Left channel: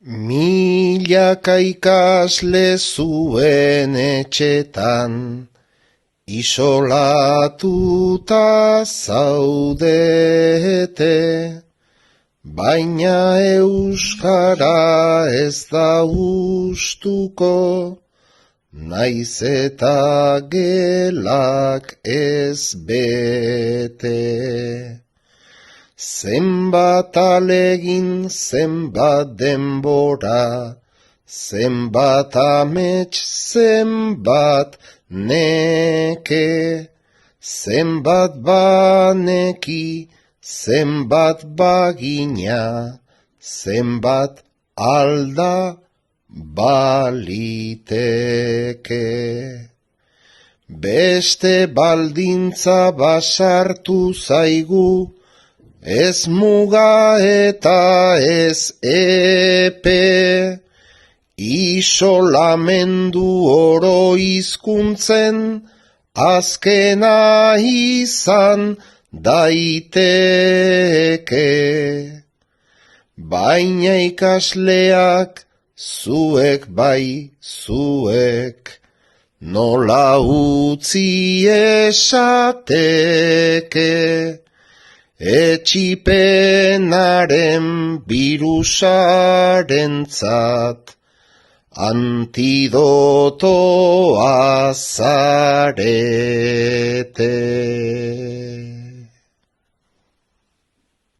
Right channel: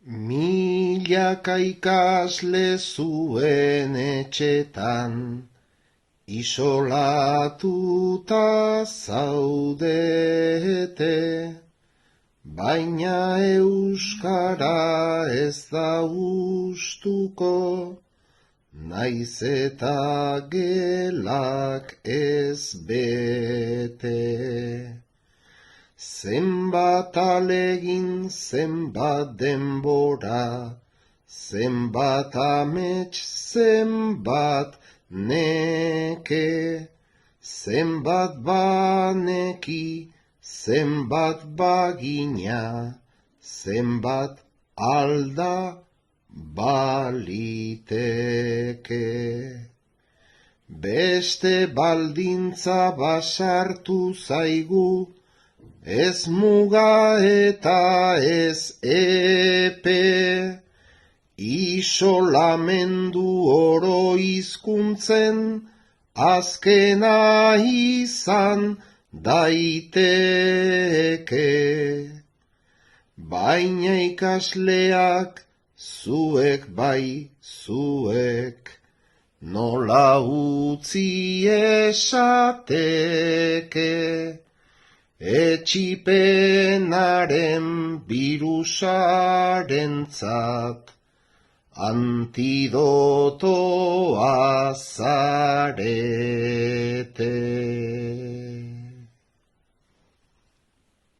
Milaka ikasle zuen etxetan, isolatuta zaudete, baina euskara ez da gustuko, naiz eta gelak ez bete. Zenbat alegin, zenbat denbora, zenbat amets, zenbat neke, zenbat baneki, zenbat bagina, zenbat alda baliteke. Beste baldintza basartu zaigu, ez muga eta ez epe, isolamendu oro hizkuntzen azkena izan daiteke. Baina ikasleak zuek bai zuek, nola utzi esateke, etxipenaren birusarentzat antidotoa zarete.